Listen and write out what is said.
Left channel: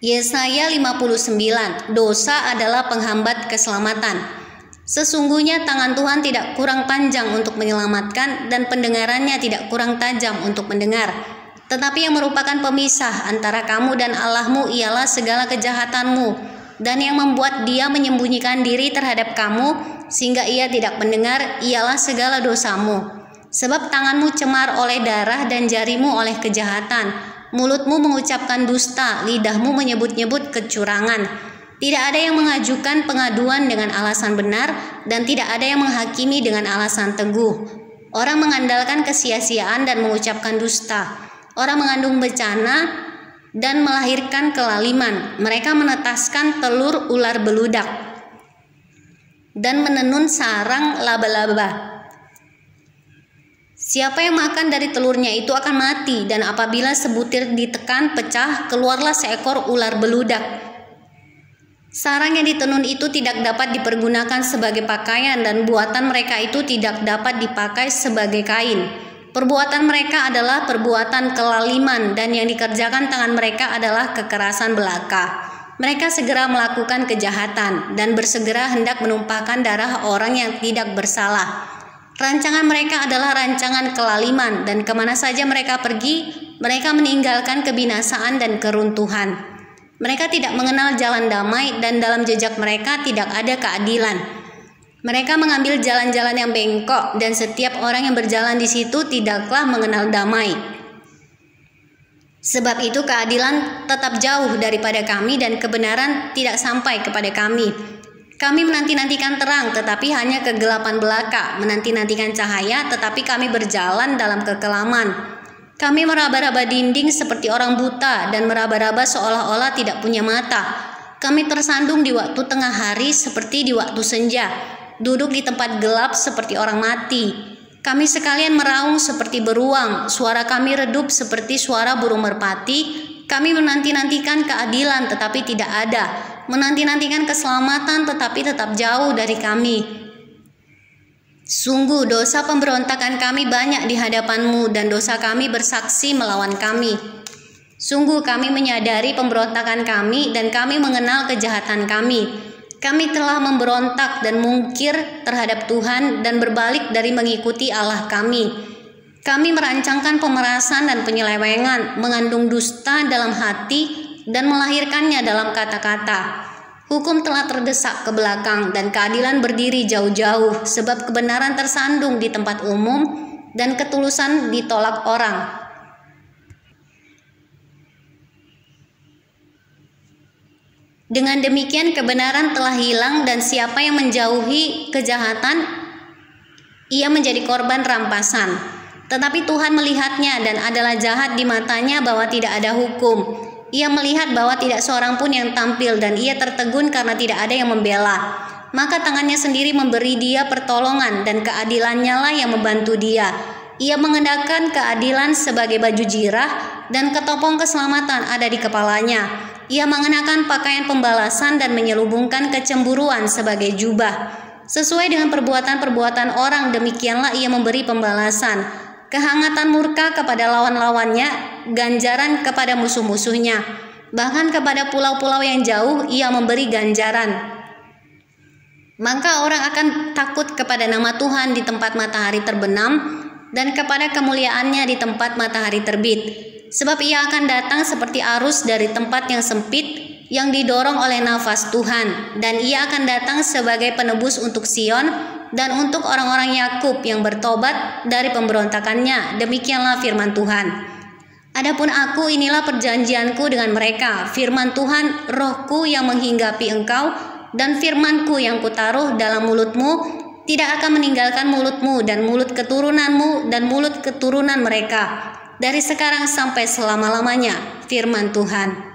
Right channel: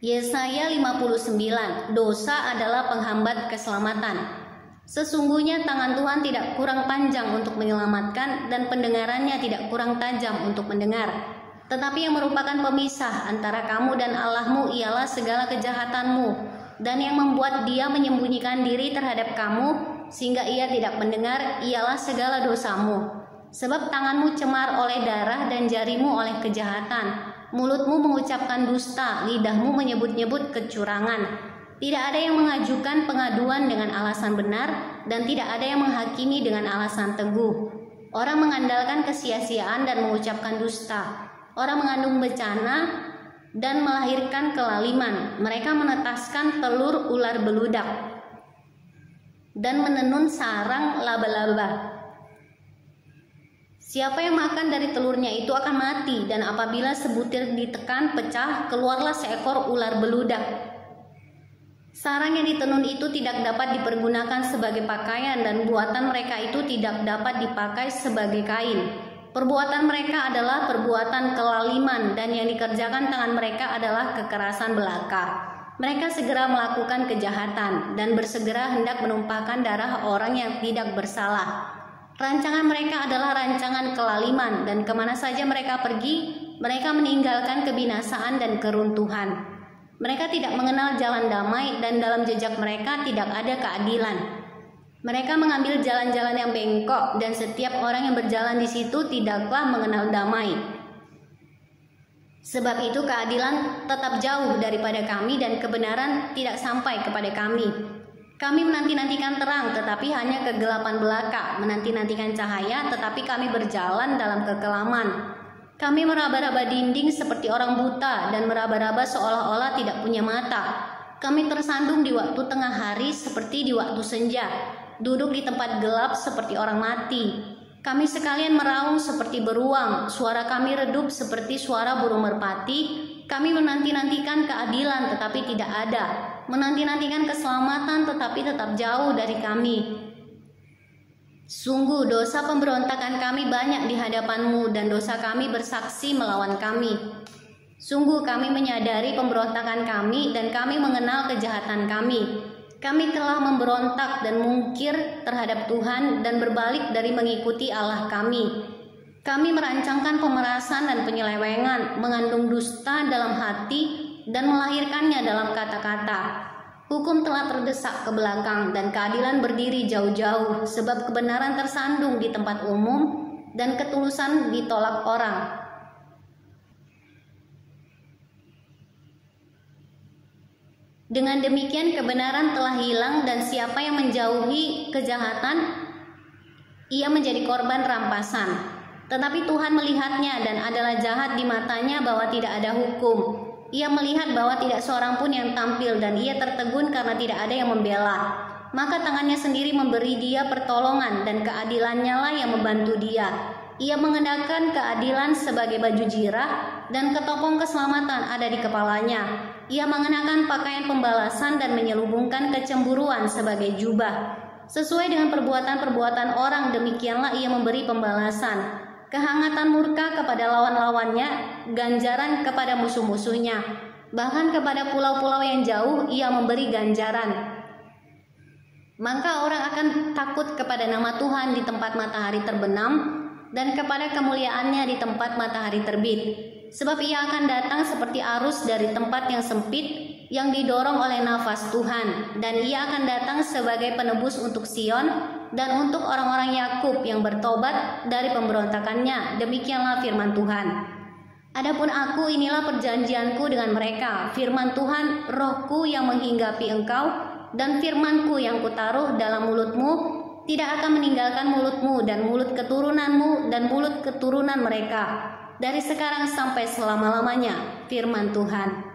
Yesaya 59, dosa adalah penghambat keselamatan. Sesungguhnya tangan Tuhan tidak kurang panjang untuk menyelamatkan dan pendengarannya tidak kurang tajam untuk mendengar. Tetapi yang merupakan pemisah antara kamu dan Allahmu ialah segala kejahatanmu, dan yang membuat Dia menyembunyikan diri terhadap kamu sehingga Ia tidak mendengar ialah segala dosamu. Sebab tanganmu cemar oleh darah dan jarimu oleh kejahatan. Mulutmu mengucapkan dusta, lidahmu menyebut-nyebut kecurangan. Tidak ada yang mengajukan pengaduan dengan alasan benar, dan tidak ada yang menghakimi dengan alasan teguh. Orang mengandalkan kesia-siaan dan mengucapkan dusta. Orang mengandung bencana dan melahirkan kelaliman. Mereka menetaskan telur ular beludak dan menenun sarang laba-laba. Siapa yang makan dari telurnya itu akan mati, dan apabila sebutir ditekan pecah, keluarlah seekor ular beludak. Sarang yang ditenun itu tidak dapat dipergunakan sebagai pakaian, dan buatan mereka itu tidak dapat dipakai sebagai kain. Perbuatan mereka adalah perbuatan kelaliman, dan yang dikerjakan tangan mereka adalah kekerasan belaka. Mereka segera melakukan kejahatan, dan bersegera hendak menumpahkan darah orang yang tidak bersalah. Rancangan mereka adalah rancangan kelaliman, dan kemana saja mereka pergi, mereka meninggalkan kebinasaan dan keruntuhan. Mereka tidak mengenal jalan damai, dan dalam jejak mereka tidak ada keadilan. Mereka mengambil jalan-jalan yang bengkok, dan setiap orang yang berjalan di situ tidaklah mengenal damai. Sebab itu keadilan tetap jauh daripada kami, dan kebenaran tidak sampai kepada kami. Kami menanti-nantikan terang, tetapi hanya kegelapan belaka, menanti-nantikan cahaya, tetapi kami berjalan dalam kekelaman. Kami meraba-raba dinding seperti orang buta, dan meraba-raba seolah-olah tidak punya mata. Kami tersandung di waktu tengah hari seperti di waktu senja, duduk di tempat gelap seperti orang mati. Kami sekalian meraung seperti beruang, suara kami redup seperti suara burung merpati. Kami menanti-nantikan keadilan tetapi tidak ada, menanti-nantikan keselamatan tetapi tetap jauh dari kami. Sungguh dosa pemberontakan kami banyak di hadapan-Mu, dan dosa kami bersaksi melawan kami. Sungguh kami menyadari pemberontakan kami, dan kami mengenal kejahatan kami. Kami telah memberontak dan mungkir terhadap Tuhan, dan berbalik dari mengikuti Allah kami. Kami merancangkan pemerasan dan penyelewengan, mengandung dusta dalam hati, dan melahirkannya dalam kata-kata. Hukum telah terdesak ke belakang, dan keadilan berdiri jauh-jauh, sebab kebenaran tersandung di tempat umum, dan ketulusan ditolak orang. Dengan demikian kebenaran telah hilang, dan siapa yang menjauhi kejahatan, ia menjadi korban rampasan. Tetapi Tuhan melihatnya, dan adalah jahat di matanya bahwa tidak ada hukum. Ia melihat bahwa tidak seorang pun yang tampil, dan ia tertegun karena tidak ada yang membela. Maka tangannya sendiri memberi dia pertolongan, dan keadilannya lah yang membantu dia. Ia mengenakan keadilan sebagai baju jirah, dan ketopong keselamatan ada di kepalanya. Ia mengenakan pakaian pembalasan dan menyelubungkan kecemburuan sebagai jubah. Sesuai dengan perbuatan-perbuatan orang, demikianlah ia memberi pembalasan. Kehangatan murka kepada lawan-lawannya, ganjaran kepada musuh-musuhnya. Bahkan kepada pulau-pulau yang jauh ia memberi ganjaran. Maka orang akan takut kepada nama Tuhan di tempat matahari terbenam, dan kepada kemuliaannya di tempat matahari terbit. Sebab ia akan datang seperti arus dari tempat yang sempit, yang didorong oleh nafas Tuhan, dan ia akan datang sebagai penebus untuk Sion, dan untuk orang-orang Yakub yang bertobat dari pemberontakannya. Demikianlah firman Tuhan. Adapun aku, inilah perjanjianku dengan mereka, firman Tuhan, rohku yang menghinggapi engkau, dan firmanku yang kutaruh dalam mulutmu, tidak akan meninggalkan mulutmu dan mulut keturunanmu dan mulut keturunan mereka, dari sekarang sampai selama-lamanya, firman Tuhan.